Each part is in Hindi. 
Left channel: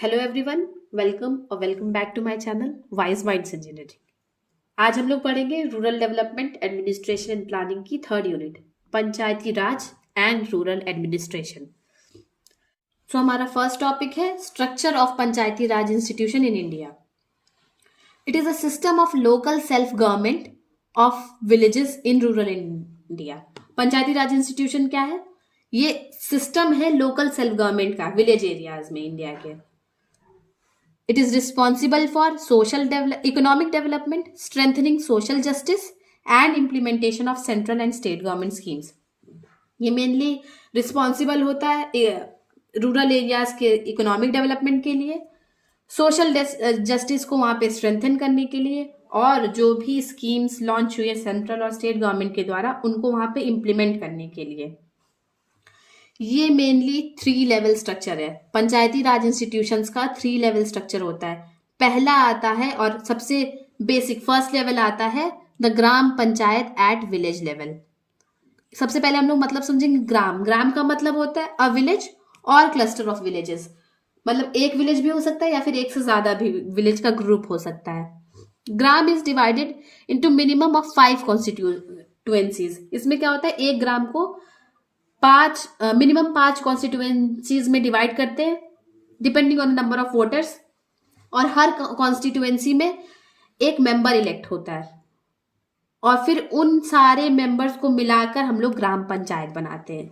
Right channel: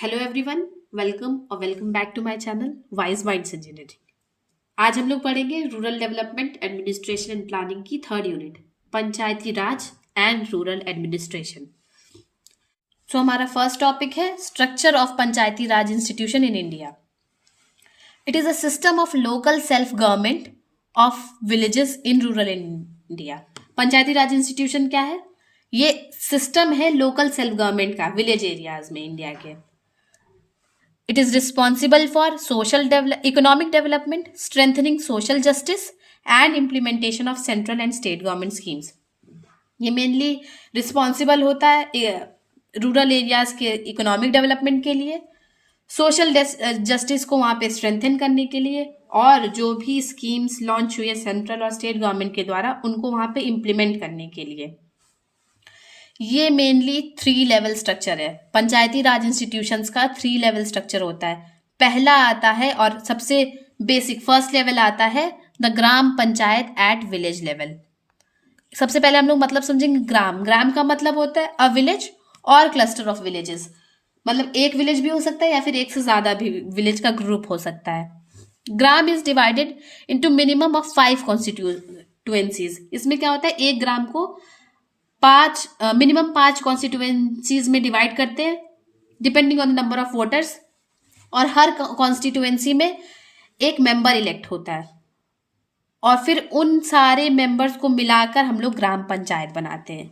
Hello everyone, welcome back to my channel Wise Minds Engineering. आज हम लोग पढ़ेंगे rural development administration and planning की third unit, panchayati raj and rural administration. हमारा फर्स्ट टॉपिक है structure of Panchayati Raj institution in India. It is a system of local self government of villages in rural India. Panchayati Raj institution क्या है? ये सिस्टम है लोकल सेल्फ गवर्नमेंट का विलेज एरियाज में इंडिया के। It is responsible for economic development, strengthening social justice, and implementation of central and state government schemes. ये मेनली रिस्पॉन्सिबल होता है रूरल एरियाज के इकोनॉमिक डेवलपमेंट के लिए, सोशल जस्टिस को वहाँ पे स्ट्रेंथन करने के लिए, और जो भी स्कीम्स लॉन्च हुई है सेंट्रल और स्टेट गवर्नमेंट के द्वारा उनको वहाँ पे इम्प्लीमेंट करने के लिए। ये मेनली 3 लेवल स्ट्रक्चर है। पंचायती राज इंस्टीट्यूशंस का 3 लेवल स्ट्रक्चर होता है। पहला आता है और सबसे बेसिक फर्स्ट लेवल आता है the gram panchayat at village level. सबसे पहले हम लोग मतलब समझेंगे ग्राम का मतलब होता है अ विलेज और क्लस्टर ऑफ विलेजेस। मतलब एक विलेज भी हो सकता है या फिर एक से ज्यादा भी विलेज का ग्रुप हो सकता है। Gram is divided into minimum of 5 constituencies. इसमें क्या होता है, एक ग्राम को मिनिमम 5 कॉन्स्टिट्यूएंसीज में डिवाइड करते हैं depending on the number of voters, और हर कॉन्स्टिट्यूएंसी में एक मेंबर इलेक्ट होता है और फिर उन सारे मेंबर्स को मिलाकर हम लोग ग्राम पंचायत बनाते हैं।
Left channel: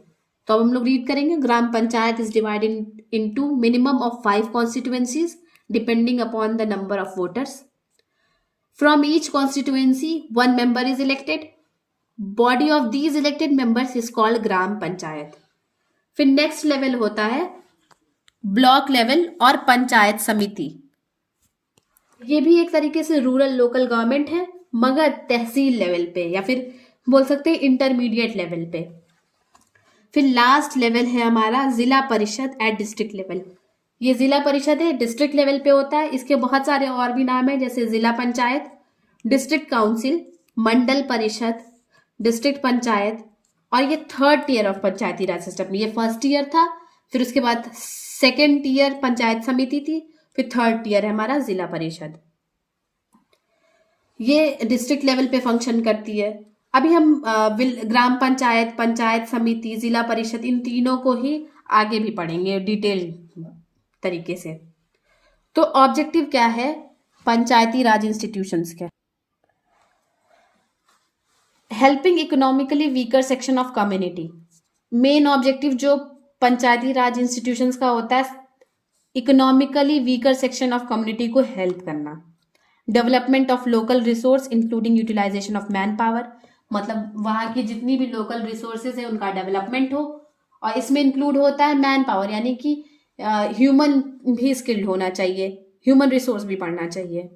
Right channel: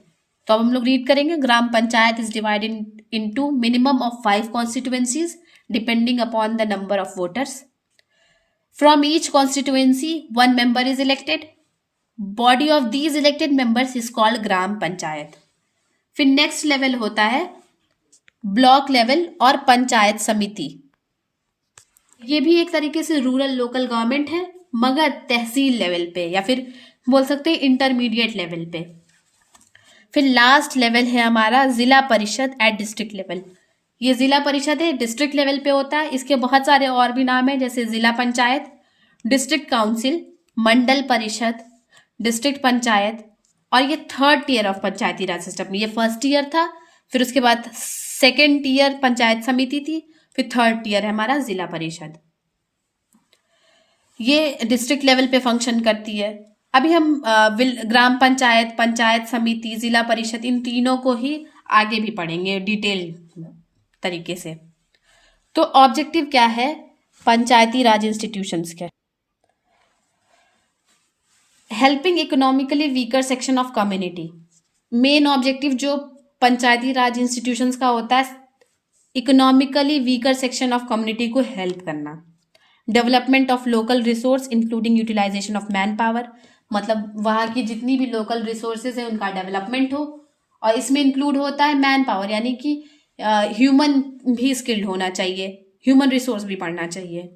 तो अब हम लोग रीड करेंगे, gram panchayat is divided into minimum of 5 constituencies depending upon the number of voters. From each constituency 1 member is elected. Body of these elected members is called gram panchayat. फिर नेक्स्ट लेवल होता है ब्लॉक लेवल और पंचायत समिति। ये भी एक तरीके से रूरल लोकल गवर्नमेंट है मगर तहसील लेवल पे या फिर बोल सकते हैं इंटरमीडिएट लेवल पे। फिर लास्ट लेवल है हमारा जिला परिषद एट डिस्ट्रिक्ट लेवल। ये जिला परिषद है, डिस्ट्रिक्ट लेवल पे होता है। इसके बहुत सारे और भी नाम है जैसे जिला पंचायत, डिस्ट्रिक्ट काउंसिल, मंडल परिषद, डिस्ट्रिक्ट पंचायत, और ये third tier of Panchayati Raj system. ये फर्स्ट ईयर था, फिर उसके बाद सेकेंड टीयर पंचायत समिति थी, फिर थर्ड टीयर है हमारा जिला परिषद। ये डिस्ट्रिक्ट लेवल पे फंक्शन करती है। अभी हम ग्राम पंचायत, पंचायत समिति, जिला परिषद, इन तीनों को ही आगे भी पढ़ेंगे डिटेल तरीके से। तो ऑब्जेक्टिव क्या है पंचायती राज इंस्टीट्यूशंस के? Helping economically weaker section of community. Main objective जो पंचायती राज इंस्टीट्यूशंस का होता है, economically weaker section of community को हेल्प करना। Development of local resource including utilization of man power. मतलब वहाँ की जितनी भी लोकल रिसोर्सेज है उनका डेवलपमेंट हो, और इसमें इंक्लूड होता है मैन पावर, यानी कि ह्यूमन भी स्किल्ड होना चाहिए, ह्यूमन रिसोर्स भी पढ़ना चाहिए।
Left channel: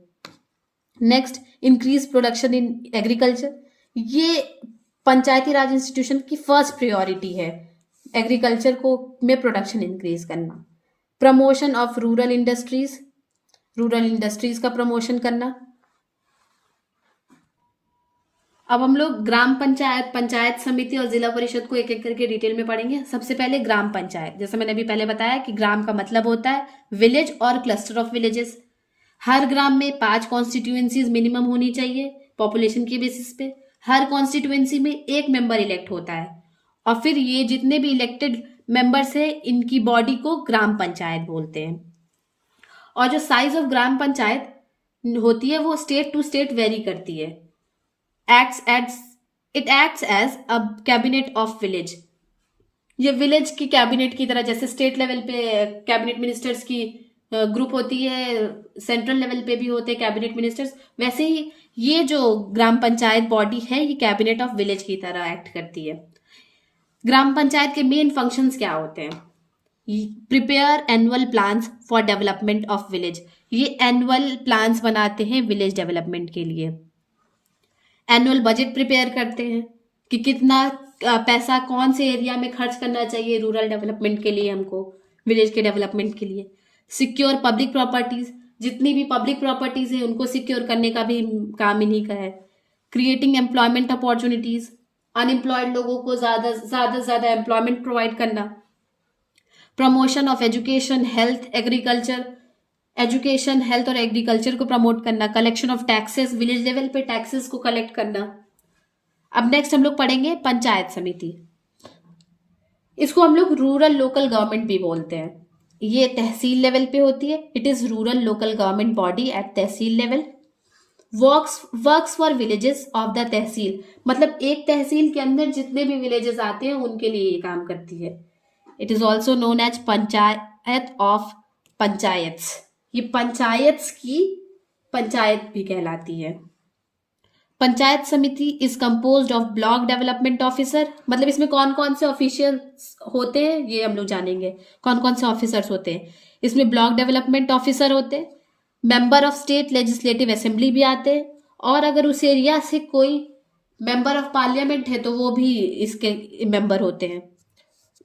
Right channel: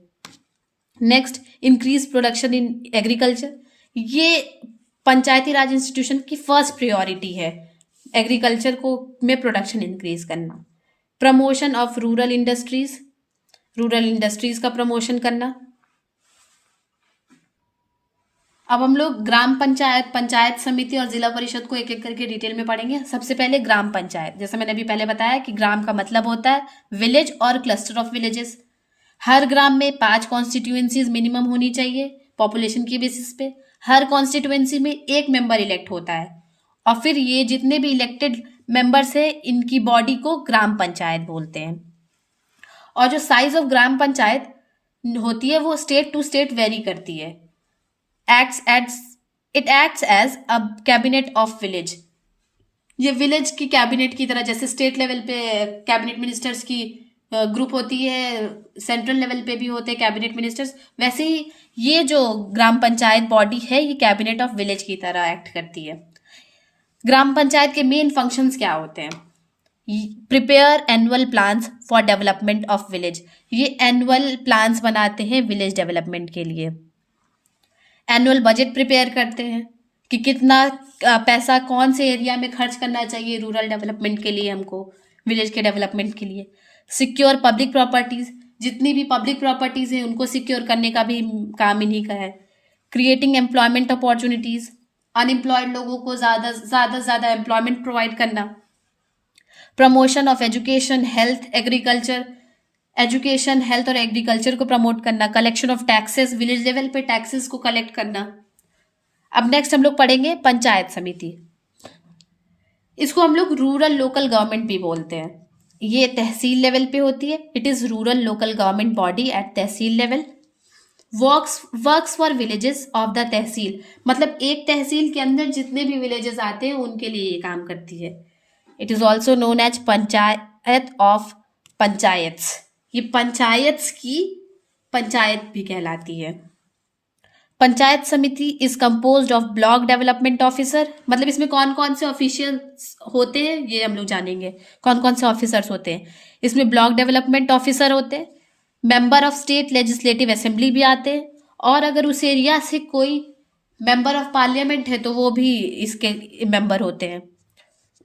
Next, increase production in agriculture. ये पंचायती राज इंस्टीट्यूशन की फर्स्ट प्रायोरिटी है, एग्रीकल्चर को में प्रोडक्शन इंक्रीज करना। Promotion of rural industries, rural industries का प्रमोशन करना। अब हम लोग ग्राम पंचायत, पंचायत समिति और जिला परिषद को एक एक करके डिटेल में पढ़ेंगे। सबसे पहले ग्राम पंचायत। जैसे मैंने अभी पहले बताया कि ग्राम का मतलब होता है विलेज और क्लस्टर ऑफ विलेजेस। हर ग्राम में 5 कॉन्स्टिट्यूएंसीज मिनिमम होनी चाहिए पॉपुलेशन की बेसिस पे। हर कॉन्स्टिट्यूएंसी में एक मेंबर इलेक्ट होता है, और फिर ये जितने भी इलेक्टेड मेंबर्स हैं इनकी बॉडी को ग्राम पंचायत बोलते हैं। और जो साइज ऑफ ग्राम पंचायत होती है वो स्टेट टू स्टेट वेरी करती है। It acts as a cabinet of village. ये विलेज की कैबिनेट की तरह, जैसे स्टेट लेवल पे कैबिनेट मिनिस्टर्स की ग्रुप होती है, सेंट्रल लेवल पे भी होते हैं कैबिनेट मिनिस्टर्स, वैसे ही ये जो ग्राम पंचायत बॉडी है ये कैबिनेट ऑफ विलेज की तरह एक्ट करती है। ग्राम पंचायत के मेन फंक्शंस क्या होते हैं? Prepare annual plans for development of village. ये एनुअल प्लान्स बनाते हैं विलेज डेवलपमेंट के लिए। एनुअल बजट प्रिपेयर करते हैं कि कितना पैसा कौन से एरिया में खर्च करना चाहिए रूरल डेवलपमेंट के लिए, हमको विलेज के डेवलपमेंट के लिए। सिक्योर पब्लिक प्रॉपर्टीज, जितनी भी पब्लिक प्रॉपर्टीज हैं उनको सिक्योर करने का भी काम इन्हीं का है। क्रिएटिंग एम्प्लॉयमेंट अपॉर्चुनिटीज, अनएम्प्लॉयड लोगों को ज़्यादा एम्प्लॉयमेंट प्रोवाइड करना। Promotion of education, health, agriculture, education, health और एग्रीकल्चर को प्रमोट करना, collection of taxes, village level पे टैक्सेस को कलेक्ट करना। अब नेक्स्ट हम लोग पढ़ेंगे पंचायत समिति। इसको हम लोग रूरल लोकल गवर्नमेंट भी बोलते हैं। ये तहसील लेवल पे होती है। It is rural local government body at tehsil level. Works for villages of the tehsil, मतलब एक तहसील के अंदर जितने भी विलेजेस आते हैं उनके लिए ये काम करती है। It is also known as panchayat of panchayats. ये पंचायत्स की पंचायत भी कहलाती है। Panchayat Samiti is composed of block development officer, मतलब इसमें कौन कौन से ऑफिशियल्स होते हैं ये हम लोग जानेंगे, कौन कौन से ऑफिसर्स होते हैं। इसमें ब्लॉक डेवलपमेंट ऑफिसर होते हैं, member of state legislative assembly भी आते हैं, और अगर उस एरिया से कोई मेंबर ऑफ पार्लियामेंट है तो वो भी इसके मेंबर होते हैं,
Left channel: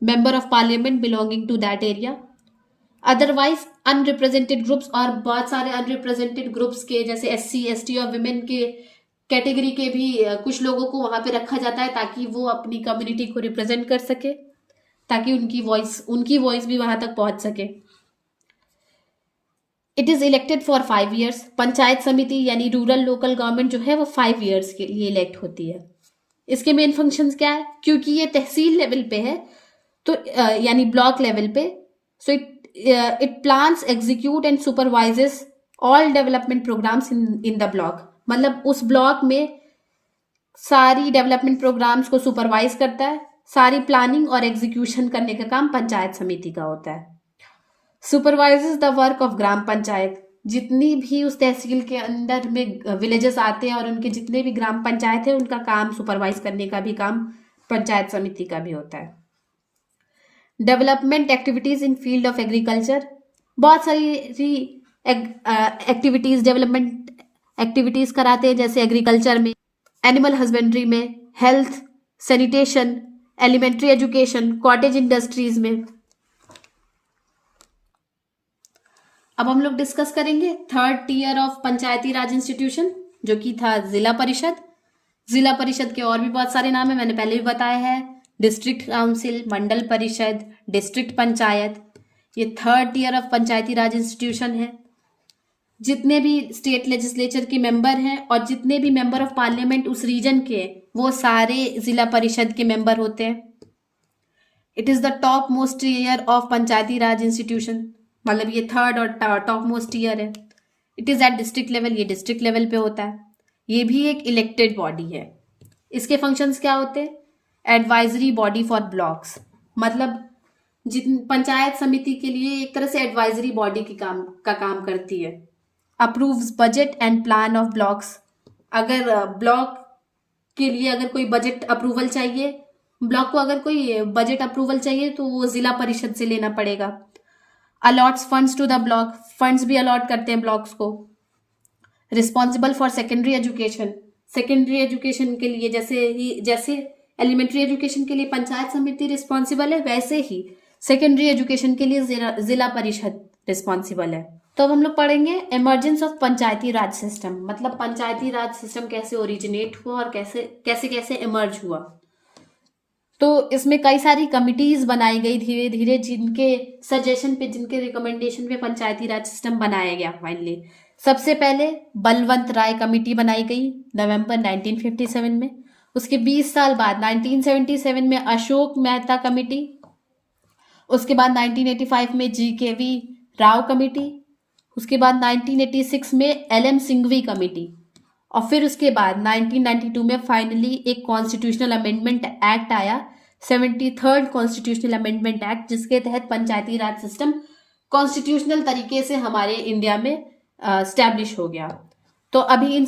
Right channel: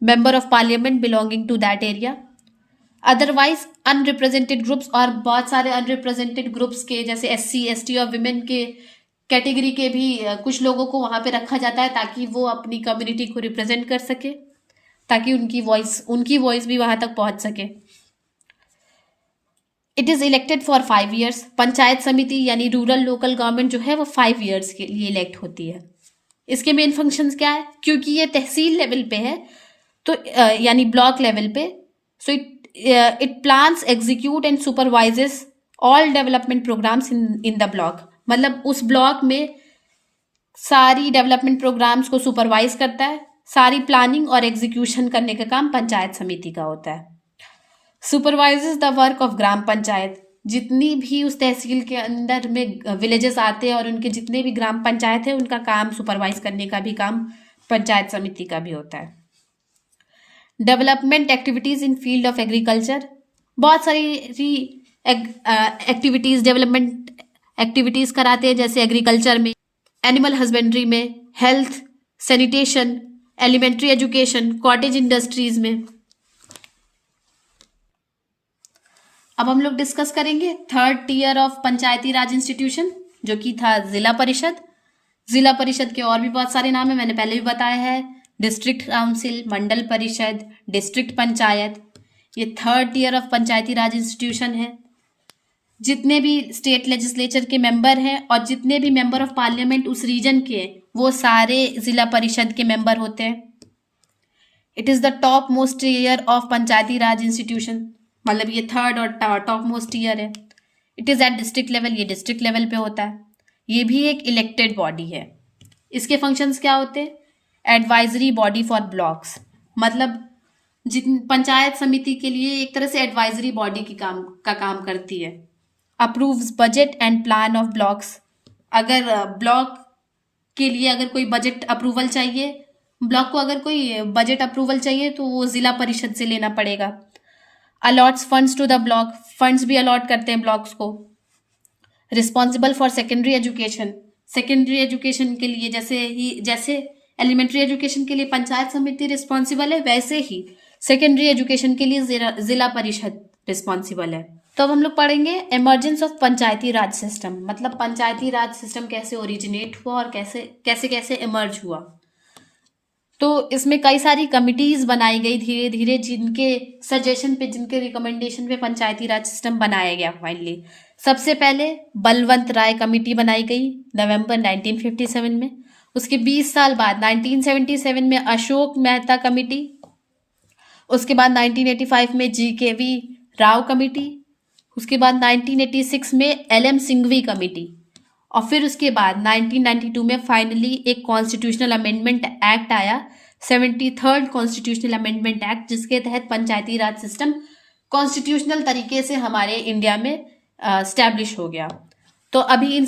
member of parliament belonging to that area. Otherwise unrepresented groups, और बहुत सारे अनरिप्रेजेंटेड ग्रुप्स के जैसे SC ST और विमेन के कैटेगरी के भी कुछ लोगों को वहां पे रखा जाता है ताकि वो अपनी कम्युनिटी को रिप्रेजेंट कर सके, ताकि उनकी वॉइस भी वहां तक पहुंच सके। It is elected for 5 years। Panchayat समिति यानी रूरल लोकल गवर्नमेंट जो है वो 5 years के लिए इलेक्ट होती है। इसके मेन फंक्शंस क्या है, क्योंकि ये तहसील लेवल पे है तो यानी ब्लॉक लेवल पे, so it plans, execute and supervises all development programs in the block, मतलब उस ब्लॉक में सारी डेवलपमेंट प्रोग्राम्स को सुपरवाइज करता है। सारी प्लानिंग और एग्जीक्यूशन करने का काम पंचायत समिति का होता है। Supervises the work of gram panchayat, जितनी भी उस तहसील के अंदर में विलेजेस आते हैं और उनके जितने भी ग्राम पंचायत है उनका काम सुपरवाइज करने का भी काम पंचायत समिति का भी होता है। Development activities in field of agriculture, बहुत सारी एक्टिविटीज, डेवलपमेंट एक्टिविटीज कराते हैं, जैसे एग्रीकल्चर में, एनिमल हस्बेंड्री में, health, sanitation, elementary education, cottage industries में। अब हम लोग डिस्कस करेंगे third tier of Panchayati Raj institution, जो कि था जिला परिषद। जिला परिषद के और भी बहुत सारे नाम है, मैंने पहले भी बताया है, डिस्ट्रिक्ट काउंसिल, मंडल परिषद, डिस्ट्रिक्ट पंचायत। ये third tier of Panchayati Raj institution है। जितने भी स्टेट लेजिस्लेचर के मेंबर हैं और जितने भी मेंबर ऑफ पार्लियामेंट उस रीजन के, वो सारे जिला परिषद के मेंबर होते हैं। It is the top most tier of Panchayati Raj institution, मतलब ये थर्ड और टॉप मोस्ट टियर है। It is at district level, ये डिस्ट्रिक्ट लेवल पे होता है। ये भी एक इलेक्टेड बॉडी है। इसके फंक्शंस क्या होते हैं, एडवाइजरी बॉडी फॉर ब्लॉक्स, मतलब जिन पंचायत समिति के लिए एक तरह से एडवाइजरी बॉडी की काम करती है। Approves budget and plan of blocks, अगर ब्लॉक के लिए अगर कोई बजट अप्रूवल चाहिए, ब्लॉक को अगर कोई बजट अप्रूवल चाहिए तो वो जिला परिषद से लेना पड़ेगा। Allots funds to the block, funds भी अलॉट करते हैं ब्लॉक्स को। Responsible for secondary education, secondary education के लिए जैसे एलिमेंट्री एजुकेशन के लिए पंचायत समिति रिस्पॉन्सिबल है, वैसे ही सेकेंडरी एजुकेशन के लिए जिला परिषद रिस्पॉन्सिबल है। तो अब हम लोग पढ़ेंगे emergence of Panchayati Raj system, मतलब पंचायती राज सिस्टम कैसे ओरिजिनेट हुआ और कैसे कैसे इमर्ज हुआ। तो इसमें कई सारी कमिटीज बनाई गई धीरे धीरे, जिनके सजेशन पे, जिनके रिकमेंडेशन पे पंचायती राज सिस्टम बनाया गया फाइनली। सबसे पहले बलवंत राय कमेटी बनाई गई नवंबर 1957 में। उसके 20 साल बाद 1977 में अशोक मेहता कमेटी। उसके बाद 1985 में GKV राव कमेटी। उसके बाद 1986 में LM सिंघवी कमेटी। और फिर उसके बाद 1992 में फाइनली एक कॉन्स्टिट्यूशनल अमेंडमेंट एक्ट आया, 73rd कॉन्स्टिट्यूशनल अमेंडमेंट एक्ट, जिसके तहत पंचायती राज सिस्टम कॉन्स्टिट्यूशनल तरीके से हमारे इंडिया में स्टैब्लिश हो गया। तो अभी इन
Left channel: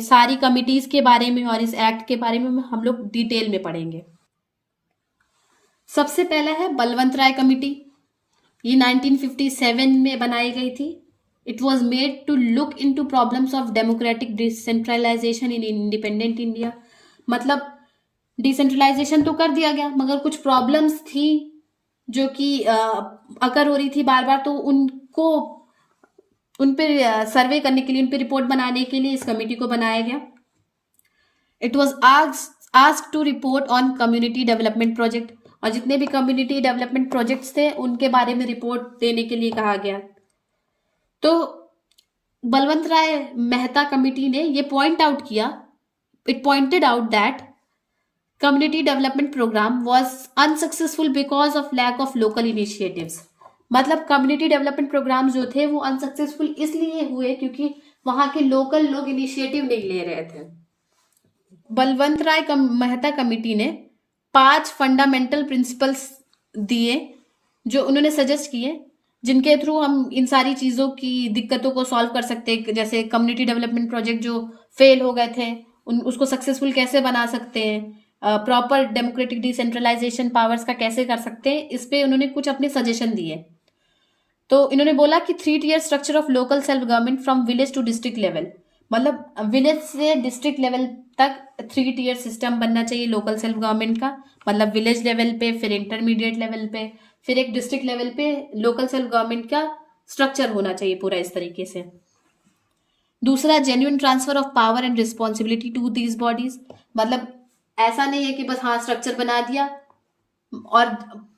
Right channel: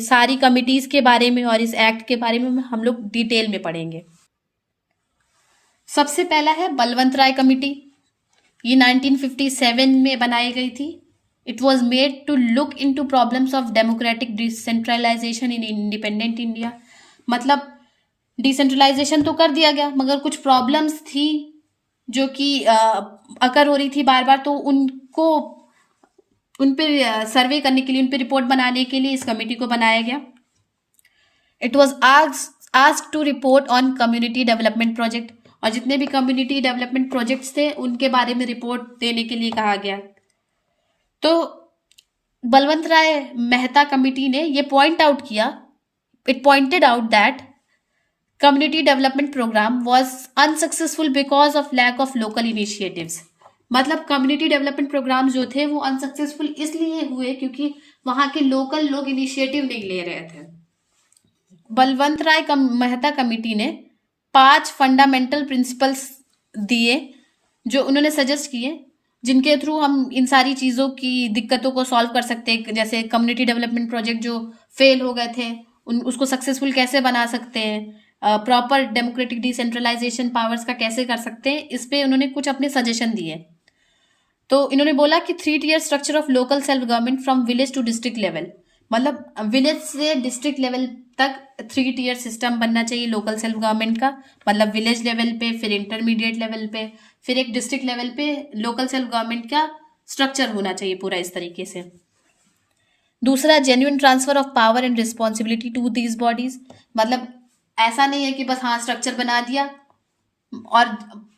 सारी कमिटीज के बारे में और इस एक्ट के बारे में हम लोग डिटेल में पढ़ेंगे। सबसे पहला है बलवंत राय कमेटी। ये 1957 में बनाई गई थी। It was made to look into problems of democratic decentralization in independent India, मतलब डिसेंट्रलाइजेशन तो कर दिया गया मगर कुछ प्रॉब्लम्स थी जो कि अकर हो रही थी बार बार, तो उन पर सर्वे करने के लिए, उन पर रिपोर्ट बनाने के लिए इस कमेटी को बनाया गया। It was asked to report on community development project, और जितने भी कम्युनिटी डेवलपमेंट प्रोजेक्ट्स थे उनके बारे में रिपोर्ट देने के लिए कहा गया। तो बलवंत राय मेहता कमिटी ने ये पॉइंट आउट किया, it pointed out that community development program was unsuccessful because of lack of local initiatives. मतलब कम्युनिटी डेवलपमेंट प्रोग्राम जो थे वो अनसक्सेसफुल इसलिए हुए क्योंकि वहां के लोकल लोग इनिशिएटिव नहीं ले रहे थे। बलवंत राय मेहता कमिटी ने 5 फंडामेंटल प्रिंसिपल्स दिए जो उन्होंने सजेस्ट किए, जिनके थ्रू हम इन सारी चीज़ों की दिक्कतों को सॉल्व कर सकते हैं। जैसे कम्युनिटी डेवलपमेंट प्रोजेक्ट जो फेल हो गए थे उसको सक्सेसफुल कैसे बना सकते हैं, प्रॉपर डेमोक्रेटिक डिसेंट्रलाइजेशन पावर्स का कैसे कर सकते हैं, इस पे उन्होंने कुछ अपने सजेशन दिए। तो इन्होंने बोला कि 3 tier structure of local self government from village to district level, मतलब विलेज से डिस्ट्रिक्ट लेवल तक 3 टियर सिस्टम बनना चाहिए लोकल सेल्फ गवर्नमेंट का। मतलब विलेज लेवल पे, फिर इंटरमीडिएट लेवल पे, फिर एक डिस्ट्रिक्ट लेवल पे लोकल सेल्फ गवर्नमेंट का स्ट्रक्चर होना चाहिए पूरा इस तरीके से। दूसरा, genuine transfer of power and responsibility to these bodies. मतलब ऐसा नहीं है कि बस हाँ स्ट्रक्चर बना दिया और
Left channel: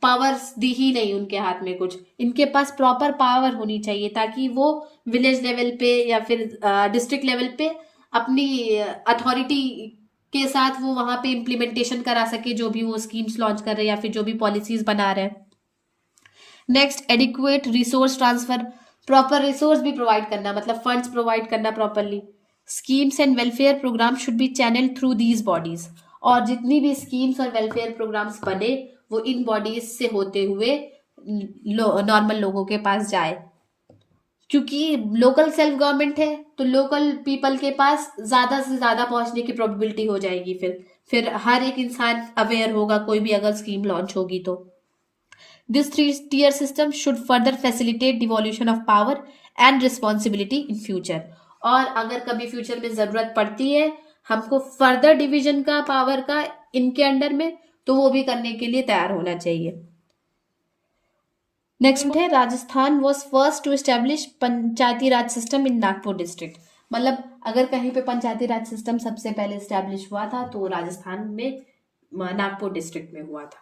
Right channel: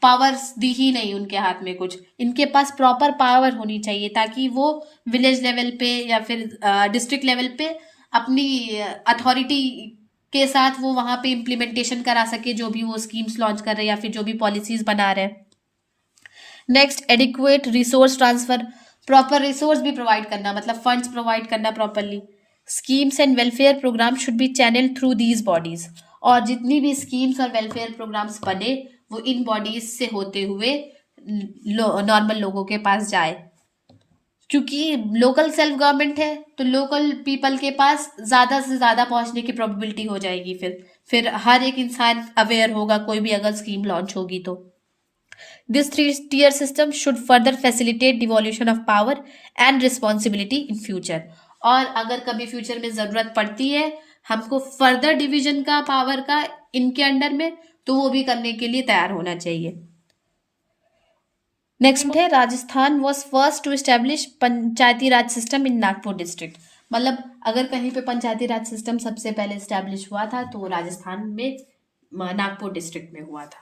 पावर्स दी ही नहीं उनके हाथ में कुछ, इनके पास प्रॉपर पावर होनी चाहिए ताकि वो विलेज लेवल पे या फिर डिस्ट्रिक्ट लेवल पे अपनी अथॉरिटी के साथ वो वहाँ पे इम्प्लीमेंटेशन करा सके जो भी वो स्कीम्स लॉन्च कर रहे हैं या फिर जो भी पॉलिसीज बना रहे हैं। Next, adequate resource transfer, proper resource भी प्रोवाइड करना, मतलब फंड्स प्रोवाइड करना properly. Schemes and welfare programme should be channel through these bodies, और जितनी भी स्कीम्स और वेलफेयर प्रोग्राम्स बने वो इन बॉडीज से होते हुए नॉर्मल लोगों के पास जाए, क्योंकि लोकल सेल्फ गवर्नमेंट है तो लोकल पीपल के पास ज्यादा से ज्यादा पहुंचने की प्रोबेबिलिटी हो जाएगी। फिर हर एक इंसान अवेयर होगा कोई भी अगर स्कीम लॉन्च होगी तो। This 3 tier system should further facilitate devolution of power and responsibility in future, और अगर कभी फ्यूचर में जरूरत पड़ती है हमको फर्दर डिवीजन का पावर का इनके अंडर में, तो वो भी करने के लिए तैयार होना चाहिए। नेक्स्ट है, Rajasthan was first to establish Panchayati Raj system in Nagpur district. मतलब अगर कहीं पे पंचायती राज सिस्टम सबसे पहले एस्टेब्लिश हुआ था तो राजस्थान में नागपुर डिस्ट्रिक्ट में हुआ था।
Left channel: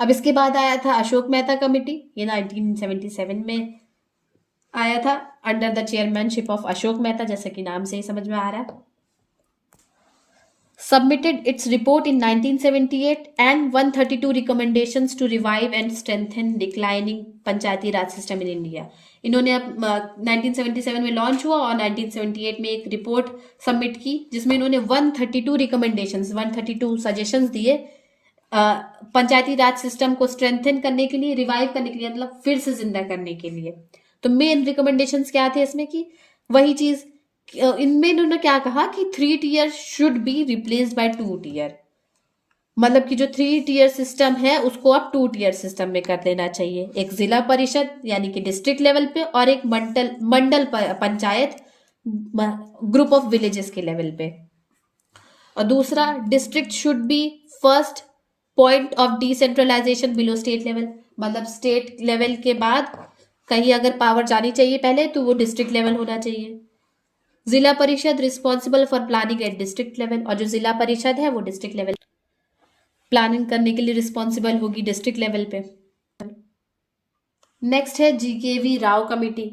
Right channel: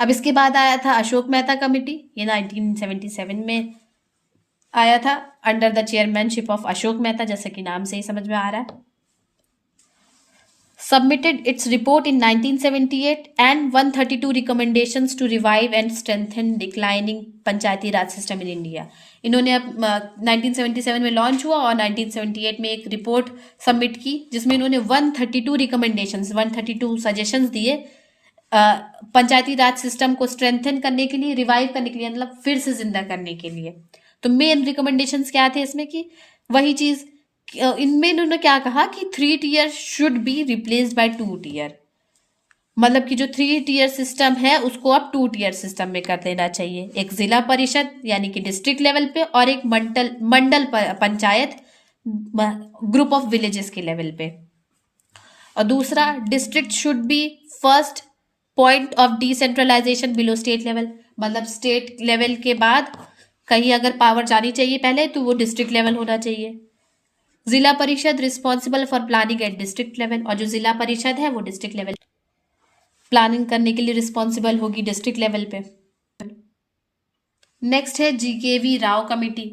अब इसके बाद आया था अशोक मेहता कमेटी, ये 1977 में आया था under the chairmanship of Ashok Mehta, जैसे कि नाम से ही समझ में आ रहा है। Submitted its report in 1978 and 132 recommendations to revive and strengthen declining Panchayati Raj system in India. इन्होंने अब 1977 में लॉन्च हुआ और 1978 में एक रिपोर्ट सबमिट की जिसमें इन्होंने 132 रिकमेंडेशंस, 132 सजेशंस दिए पंचायती राज सिस्टम को स्ट्रेंथन करने के लिए, रिवाइव करने के लिए, मतलब फिर से जिंदा करने के लिए। तो मेन रिकमेंडेशंस क्या थे इसमें कि वही चीज, इनमें इन्होंने क्या कहा कि 3 tier should be replaced by 2 tier, मतलब कि जो 3 tier सिस्टम है उसको अब 2 tier सिस्टम में कर देना चाहिए। एक जिला परिषद यानी कि डिस्ट्रिक्ट लेवल पे और एक Mandal panchayat group of villages के लेवल पे। और दूसरा, district should be first point of decentralization below state level, मतलब स्टेट लेवल के बाद कहीं अगर पावर जानी चाहिए पहले तो वो डिस्ट्रिक्ट लेवल होना चाहिए। जिला परिषद responsible for planning eight district level, और जो जिला परिषद है वो डिस्ट्रिक्ट लेवल प्लानिंग करने के लिए रिस्पॉन्सिबल होगी डिस्ट्रिक्ट लेवल पे। नेक्स्ट है GKV Rao committee.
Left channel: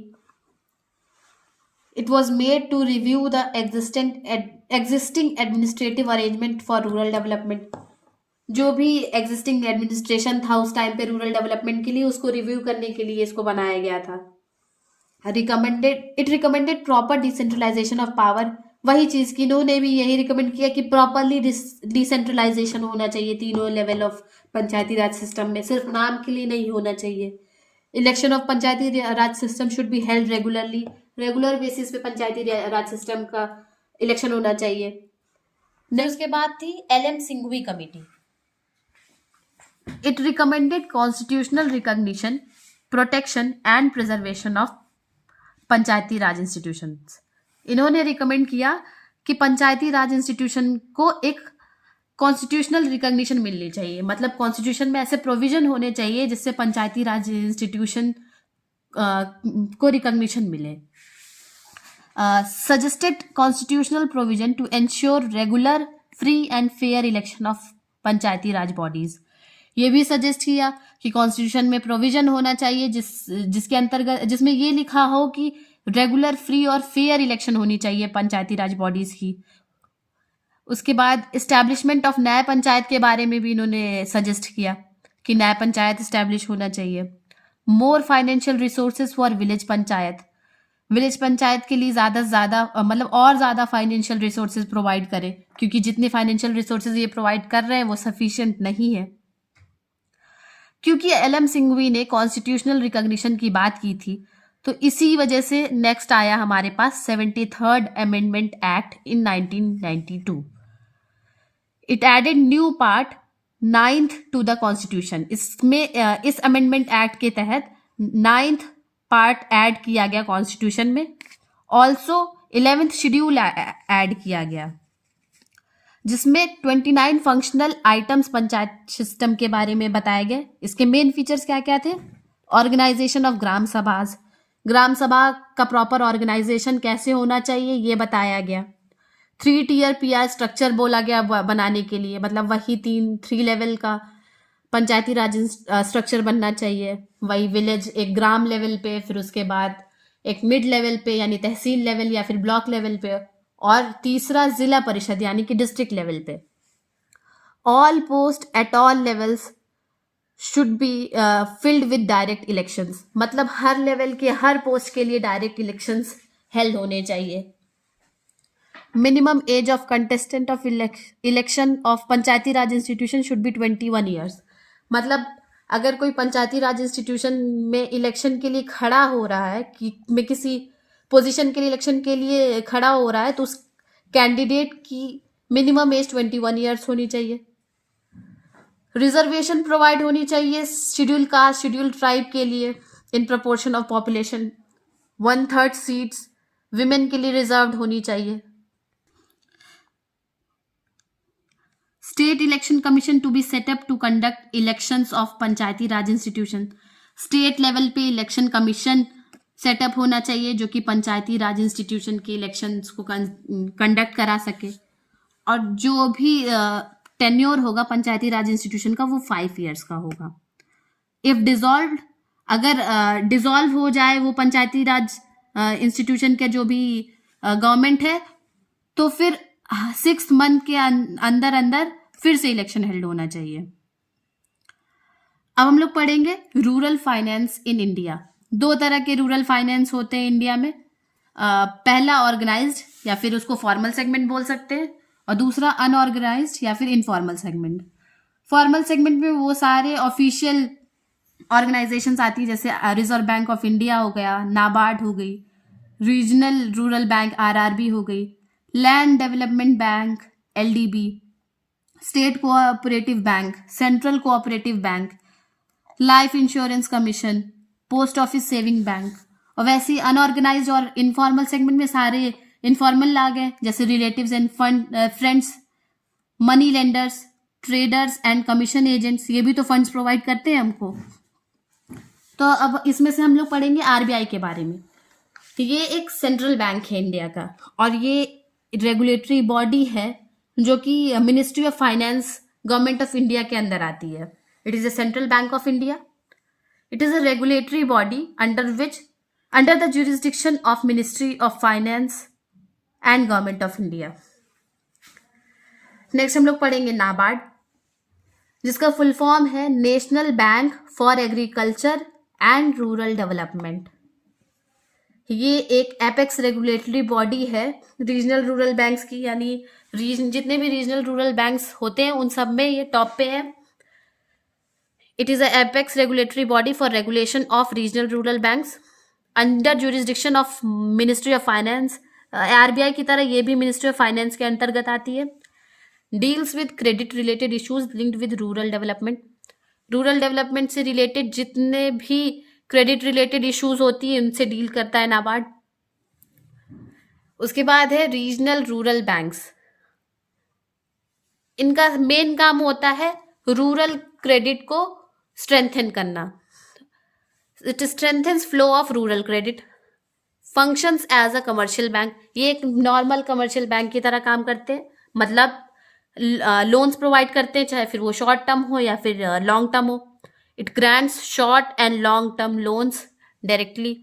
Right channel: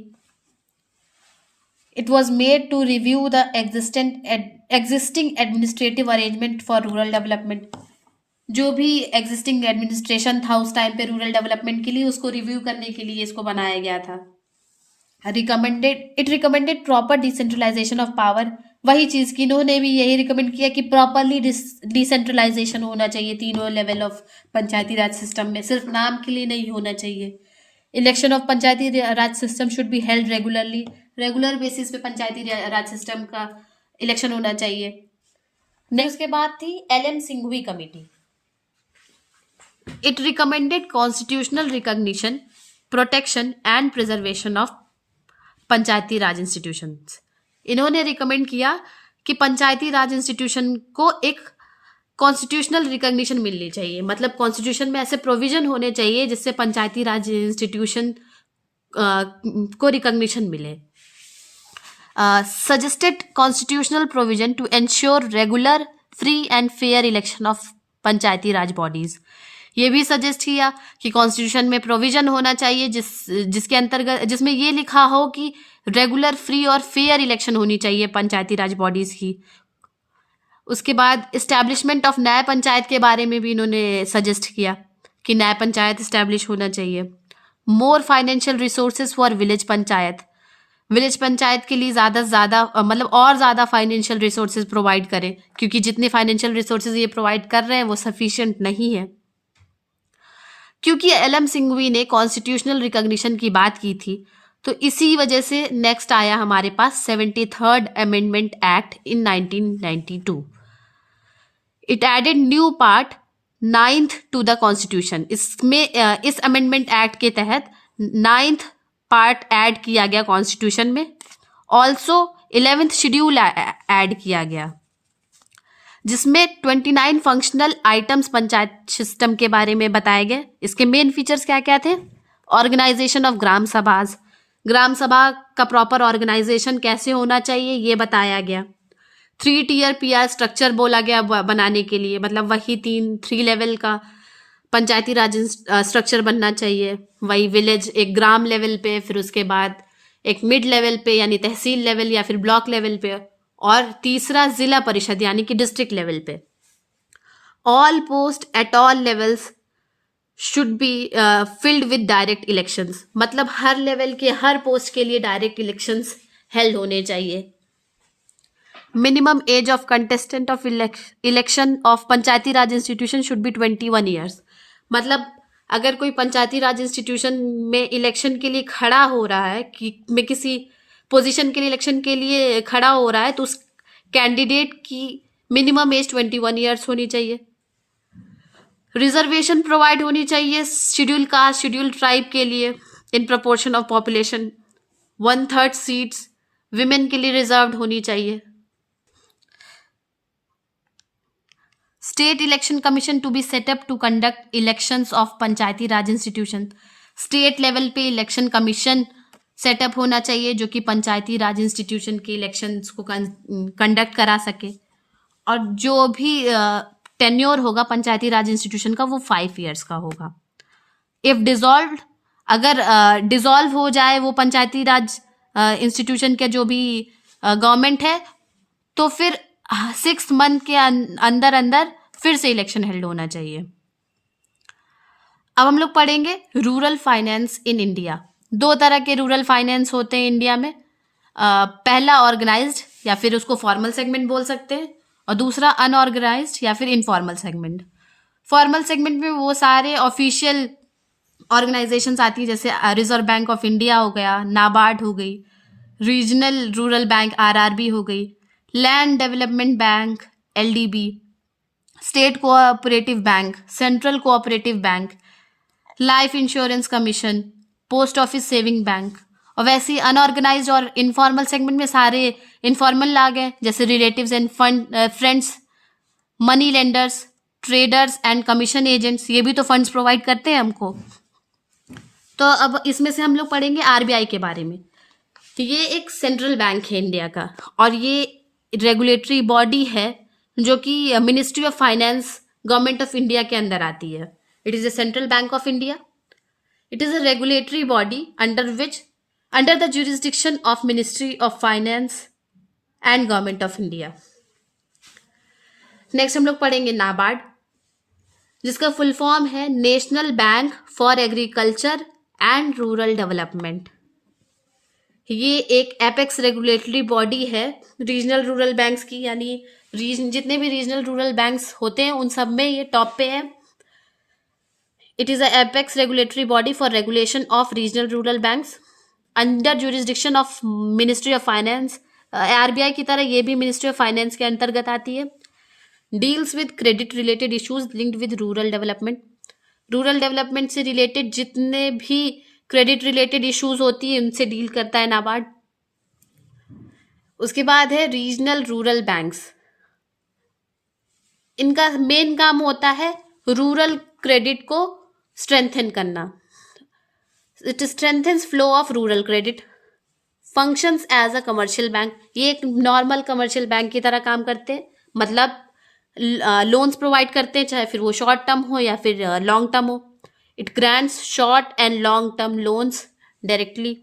It was made to review the existing administrative arrangement for rural development. जो भी एग्जिस्टिंग एडमिनिस्ट्रेशन था उस टाइम पे रूरल डेवलपमेंट के लिए, उसको रिव्यू करने के लिए इसको बनाया गया था। It recommended proper decentralization of power, वही चीज की इन्होंने भी यही रिकमेंड किया कि प्रॉपरली डिसेंट्रलाइजेशन होना चाहिए तीनों level of Panchayati Raj system में, सिर्फ नाम के लिए नहीं होना चाहिए। Election of Panchayati Raj system should be held regularly, regular basis पे पंचायती राज सिस्टम का इलेक्शन होना चाहिए। नेक्स्ट के बाद थी LM Singhvi committee. It recommended constitutional recognition, protection and preservation of Panchayati Raj institutions. इन्होंने रिकमेंड किया कि पंचायती राज इंस्टीट्यूशन को एक कॉन्स्टिट्यूशनल रिकॉग्निशन मिलनी चाहिए, मतलब कॉन्स्टिट्यूशन में ऐसे प्रोविजन होने चाहिए जिससे पंचायती राज इंस्टीट्यूशन को रिकॉग्निशन मिले। Suggested constitutional provision to ensure regular, free and fair election of Panchayati Raj bodies. ये भी सजेस्ट किया कि कॉन्स्टिट्यूशन में प्रोविजन होना चाहिए जिसके अंतर्गत जिसमें ये लिखा हो कि रेगुलर, फ्री और फेयर इलेक्शन होनी चाहिए पंचायती राज बॉडीज की। उसके बाद इस्टेब्लिशमेंट ऑफ न्याय पंचायत के बारे में भी इन्होंने सजेस्ट किया कि न्याय पंचायत इस्टेब्लिश होना चाहिए। More financial resources for village panchayat के लिए ज़्यादा से ज़्यादा मतलब और ज़्यादा फाइनेंशियल रिसोर्सेज प्रोवाइड करें, क्योंकि जितने फाइनेंशियल रिसोर्सेज ये प्रोवाइड कर रहे हैं वो सफिशिएंट नहीं है। क्योंकि एल.एम. सिंघवी ने कॉन्स्टिट्यूशनल रिकॉग्निशन की बात की थी, तो इसी वजह से नेक्स्ट आया हमारे पास 73rd amendment act in 1992। It added new part 9th to the constitution. इसमें इस अमेंडमेंट एक्ट के तहत 9th पार्ट ऐड किया गया कॉन्स्टिट्यूशन में। ऑल्सो 11th शेड्यूल ऐड किया गया, जिसमें 29 फंक्शनल आइटम्स पंचायत सिस्टम के बारे में बताए गए। इसके मेन फीचर्स क्या क्या थे? ऑर्गेनाइजेशन ऑफ ग्राम सभाज, ग्राम सभा का प्रॉपर ऑर्गेनाइजेशन कैसे होना चाहिए ये बताया गया। 3 tier PR स्ट्रक्चर बोला गया बनाने के लिए, मतलब वही 3 लेवल का पंचायती राज स्ट्रक्चर बनना चाहिए। वही विलेज एक ग्राम लेवल पे, फिर उसके बाद एक मिड लेवल पे यानी तहसील लेवल या फिर ब्लॉक लेवल पे, और तीसरा जिला परिषद यानी कि डिस्ट्रिक्ट लेवल पे। All post at all levels should be filled with direct elections, मतलब हर लेवल के हर पोस्ट के लिए डायरेक्ट इलेक्शंस हेल्ड होने चाहिए। Minimum age of contestant of election of Panchayati Raj institution should be 21 years, मतलब अगर कोई पंचायती राज इंस्टीट्यूशन में इलेक्शन के लिए खड़ा हो रहा है कि मैं किसी पोजीशन के लिए इलेक्शन के लिए खड़ा हो रहा है, तो उस कैंडिडेट की मिनिमम एज 21 ईयर्स होनी चाहिए। रिजर्वेशन प्रोवाइड होनी चाहिए शेड्यूल कास्ट, शेड्यूल ट्राइब के लिए in proportion of population. 1/3 seats women के लिए रिजर्व्ड होनी चाहिए। State election commission to be setup to conduct elections of Panchayati Raj institution, state level पे इलेक्शन कमीशन सेटअप होना चाहिए जो कि पंचायती राज इंस्टीट्यूशन के इलेक्शंस को कंडक्ट करा सके। और जो भी टेन्योर होगा पंचायती राज इंस्टीट्यूशन का वो 5 ईयर्स का होगा। इफ डिसॉल्व, अगर डिसॉल्व हो जाए वो पंचायती राज इंस्टीट्यूशन के जो भी गवर्नमेंट है, तो फिर 6 मंथ के अंदर अंदर फिर से इलेक्शन हेल्ड होना चाहिए। अब हम लोग पढ़ेंगे रूरल फाइनेंस इन इंडिया। 2 तरह के रूरल फाइनेंस होते हैं इंडिया में। पहला ऑर्गेनाइज्ड या फिर उसको फॉर्मल सेगमेंट बोल सकते हैं, और दूसरा अनऑर्गेनाइज्ड या फिर इनफॉर्मल सेगमेंट। फॉर्मल सेगमेंट में वो सारे ऑफिशियल ऑर्गेनाइजेशंस आती है, जैसे रिजर्व बैंक ऑफ इंडिया हो गया, नाबार्ड हो गई, रीजनल रूरल बैंक RRB हो गई, land development bank LDB, state cooperative bank, central cooperative bank, life insurance commission, post office saving bank. और वैसे ही अनऑर्गेनाइज्ड और इनफॉर्मल सेगमेंट में सारे इनफॉर्मल आ गए, जैसे relatives and friends, money lenders, traders and commission agents, ये भी तो फंड्स प्रोवाइड करते हैं हमको। तो अब इसमें से हम लोग पढ़ेंगे RBI के बारे में। तो ये एक सेंट्रल बैंक है इंडिया का, और ये रेगुलेटरी बॉडी है जो कि ministry of finance government of India के अंदर आती है। It is a central bank of India. It is a regulatory body under the jurisdiction of ministry of finance and government of India. Next हम लोग पढ़ेंगे नाबार्ड, जिसका फुल फॉर्म है national bank for agriculture and rural development. ये एक एपेक्स रेगुलेटरी बॉडी है रीजनल रूरल बैंक्स की, यानी जितने भी रीजनल रूरल बैंक्स होते हैं उन सब में ये टॉप पे है। It is a apex regulatory body for regulation of regional rural banks under jurisdiction of ministry of finance. RBI की तरह ये भी मिनिस्ट्री ऑफ फाइनेंस के अंतर्गत आती है। Deals with credit related issues linked with rural development. Rural development से रिलेटेड जितने भी क्रेडिट रिलेटेड इश्यूज होती है उनसे डील करता है नाबार्ड। उसके बाद है रीजनल रूरल बैंक्स। इनका मेन काम होता है रूरल क्रेडिट को स्ट्रेंथन करना। It strengthens flow of rural credit, functions as a commercial bank. ये एक नॉर्मल कमर्शियल बैंक की तरह काम करते हैं, मतलब लोन्स प्रोवाइड करते हैं, चाहे फिर वो शॉर्ट टर्म हो या फिर लॉन्ग टर्म हो. It grants short and long term loans directly.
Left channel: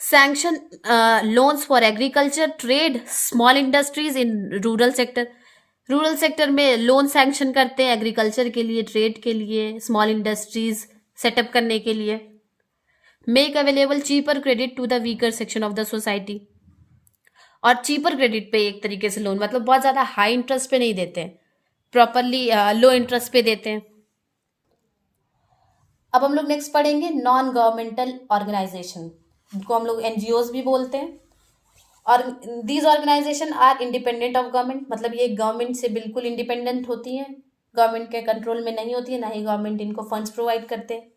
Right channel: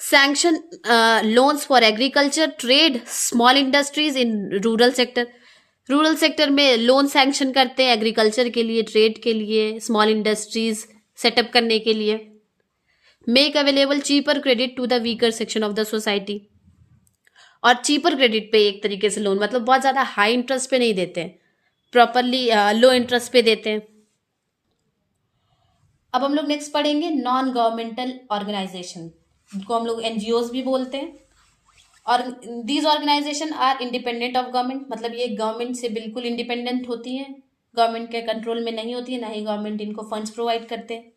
Sanction loans for agriculture, trade, small industries in rural sector. Rural sector में लोन सैंक्शन करते हैं एग्रीकल्चर के लिए, ट्रेड के लिए, स्मॉल इंडस्ट्रीज सेटअप करने के लिए. Make available cheaper credit to the weaker section of the society. और चीपर क्रेडिट पे एक तरीके से लोन, मतलब बहुत ज़्यादा हाई इंटरेस्ट पे नहीं देते हैं, प्रॉपरली लो इंटरेस्ट पे देते हैं. अब हम लोग नेक्स्ट पढ़ेंगे नॉन गवर्नमेंटल ऑर्गेनाइजेशन, जिनको हम लोग एनजीओज भी बोलते हैं. और these organisation are independent of government, मतलब ये गवर्नमेंट से बिल्कुल इंडिपेंडेंट होती हैं, गवर्नमेंट के कंट्रोल में नहीं होती है, ना ही गवर्नमेंट इनको फंड्स प्रोवाइड करते हैं.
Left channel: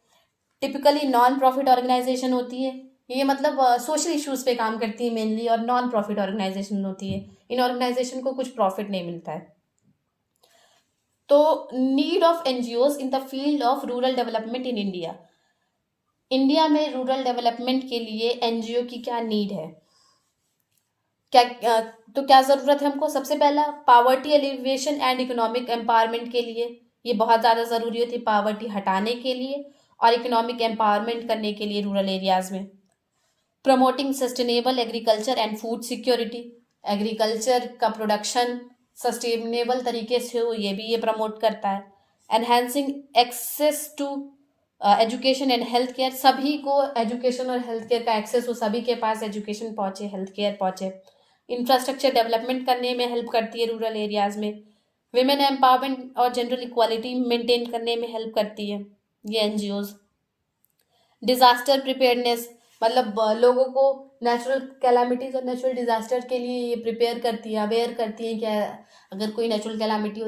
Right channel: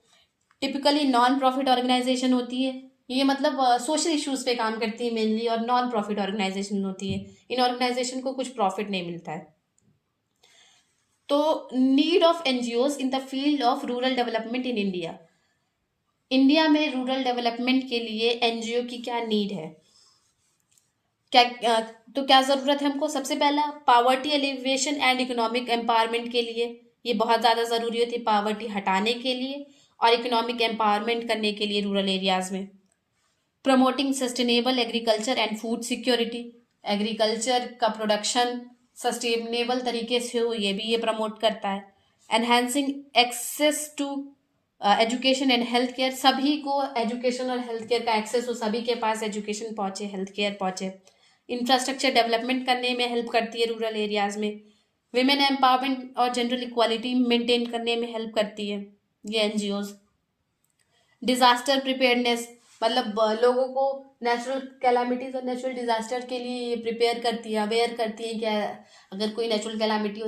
टिपिकली नॉन प्रॉफिट ऑर्गेनाइजेशन होती है ये, मतलब सोशल इश्यूज पे काम करती है मेनली, और नॉन प्रॉफिट ऑर्गेनाइजेशन होती है. इन ऑर्गेनाइजेशन को कुछ प्रॉफिट नहीं मिलता है. तो need of NGOs in the field of rural development in India. India में रूरल डेवलपमेंट के लिए एनजीओ की क्या नीड है, तो क्या ज़रूरत है हमको. सबसे पहला, poverty elevation and economic empowerment के लिए ये बहुत ज़्यादा ज़रूरी होती है, पावर्टी हटाने के लिए और इकोनॉमिक एम्पावरमेंट करने के लिए रूरल एरियाज़ में. Promoting sustainable agriculture and food security, agriculture का प्रोडक्शन सस्टेनेबल तरीके से हो, ये भी ये प्रमोट करता है. Enhancing access to education and health care, सभी को एजुकेशन और हेल्थ केयर का एक्सेस हो, सभी के पास एजुकेशन पहुँचे, हेल्थ केयर पहुँचे. इंफ्रास्ट्रक्चर डेवलपमेंट करने में हेल्प करती है रूरल एरियाज़ में. विमेन एम्पावरमेंट और जनरल इक्वालिटी मेंटेन करने में हेल्प करती है ये एनजीओज. डिजास्टर प्रिपेयर्डनेस, मतलब लोगों को नेचुरल कैलामिटीज और नेचुरल डिजास्टर के लिए ये प्रिपेयर करती है, अवेयर करती है कि अगर कोई नेचुरल कैलामिटी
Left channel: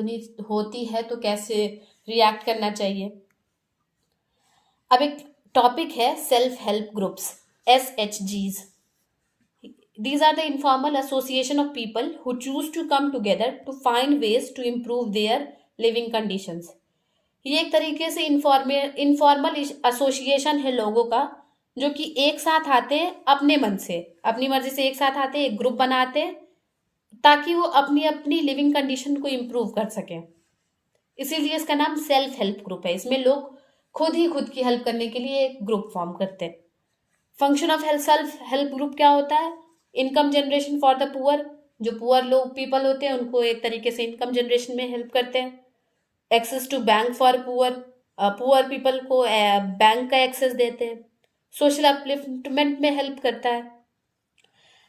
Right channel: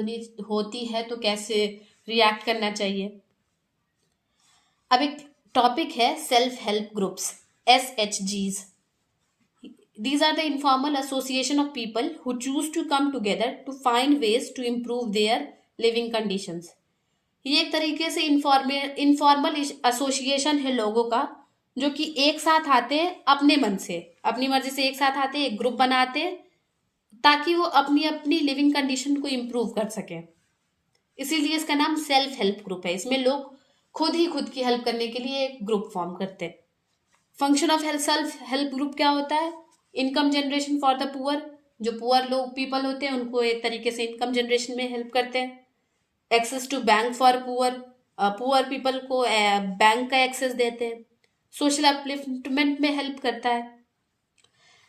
होती है तो कैसे रिएक्ट करना चाहिए. अब एक टॉपिक है self help groups, SHGs. These are the informal association of people who choose to come together to find ways to improve their living conditions. ये एक तरीके से इनफॉर्मल एसोसिएशन है लोगों का, जो कि एक साथ आते हैं अपने मन से, अपनी मर्जी से एक साथ आते हैं, एक ग्रुप बनाते हैं ताकि वो अपनी अपनी लिविंग कंडीशन को इम्प्रूव कर सकें. इसीलिए इसका नाम सेल्फ हेल्प ग्रुप है. इसमें लोग खुद ही खुद की हेल्प करने के लिए एक ग्रुप फॉर्म करते हैं. Function of self help group क्या होता है. Income generation for the poor, जो पुअर लोग पीपल होते हैं उनको एक तरीके से इनकम जनरेशन में हेल्प करते हैं. Access to bank for poor, poor people को बैंक का एक्सेस देते हैं. सोशल अपलिफ्टमेंट में हेल्प करता है.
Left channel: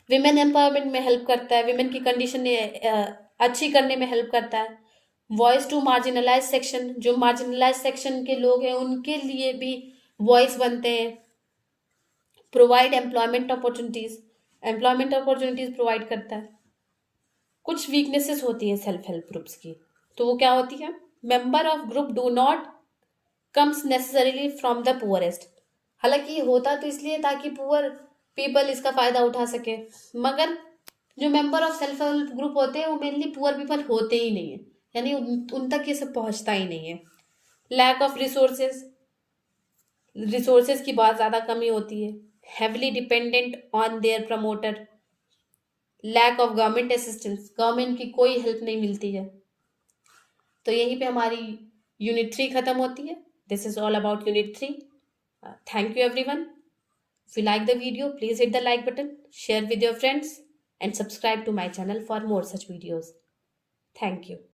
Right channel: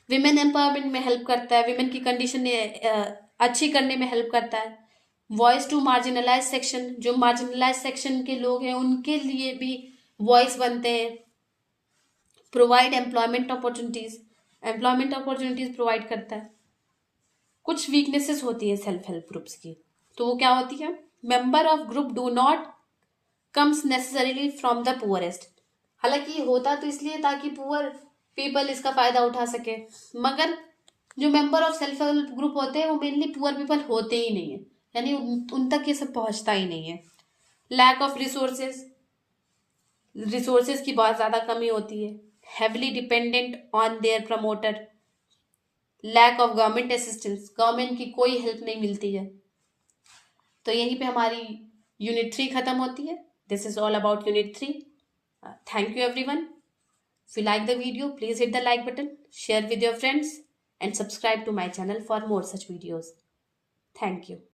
विमेन एम्पावरमेंट में हेल्प करता है, विमेन की कंडीशन अच्छी करने में हेल्प करता है. वॉइस टू मार्जिनलाइज सेक्शन, जो मार्जिनलाइज सेक्शन के लोग हैं उनके लिए भी वॉइस बनते हैं. Provide employment opportunities, employment opportunities provide करता है. कुछ वीकनेसेस होती है सेल्फ हेल्प ग्रुप्स की, तो वो क्या होती है. Member of group do not comes necessarily from the poorest. हालांकि होता तो इसलिए ताकि पुअर पीपल इसका फायदा उठा सके, मगर जो member of self help group होते हैं वो मेनली पुअर पीपल होते ही नहीं है, यानी उन तक ये सब पहुंचता ही नहीं है. लैक ऑफ रिसोर्सेज, रिसोर्सेज की बहुत ज़्यादा कमी होती है. heavily dependent on their promoter. lack of government assistance, government की कोई हेल्प नहीं मिलती है. तो यहीं पे हमारी यूनिट 3 खत्म होती है. This is all about unit 3. Thank you everyone. If you like the video, please hit the like button, share with your friends and subscribe to my channel for more such videos. Thank you.